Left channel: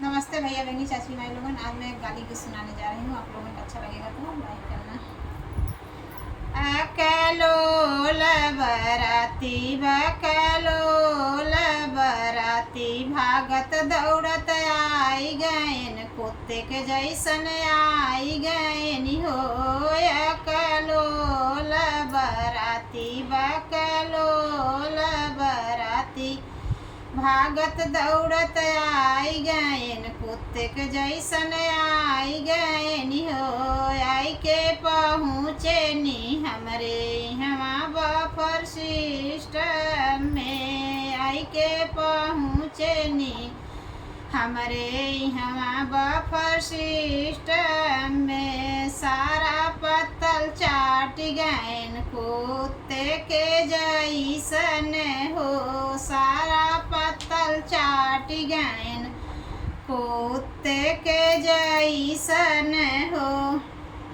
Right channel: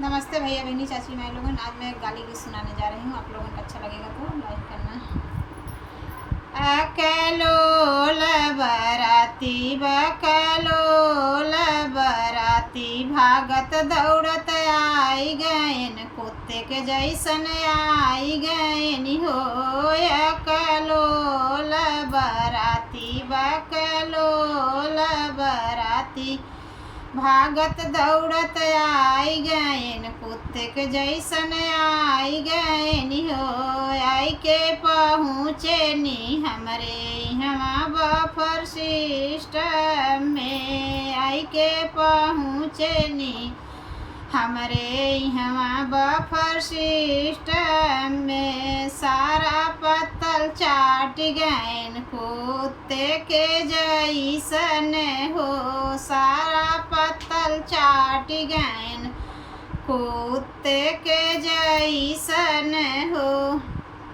नमस्ते भैया बहनी चाची भाई लोगन। आज मैं एक गाली गीत सुनाने जा रही हूँ। आप लोगों को अच्छा लगेगा तो लाइक करना। अकलोल बराती बकलोल बराती भागत दौड़त आई गएन कुत्ते के जैसन आई गएन हो। अकलोल बराती बकलोल बराती भागत दौड़त आई गएन कुत्ते के जैसन आई गएन हो। आई के पहुँचे नी हमरे यहाँ बफर सिस्टम में। आई के पहुँचे नी हमरे यहाँ बफर सिस्टम में। सारा पत्तल चाट गएन कुत्ते के जैसन हो। सारा पत्तल चाट गएन कुत्ते के जैसन हो।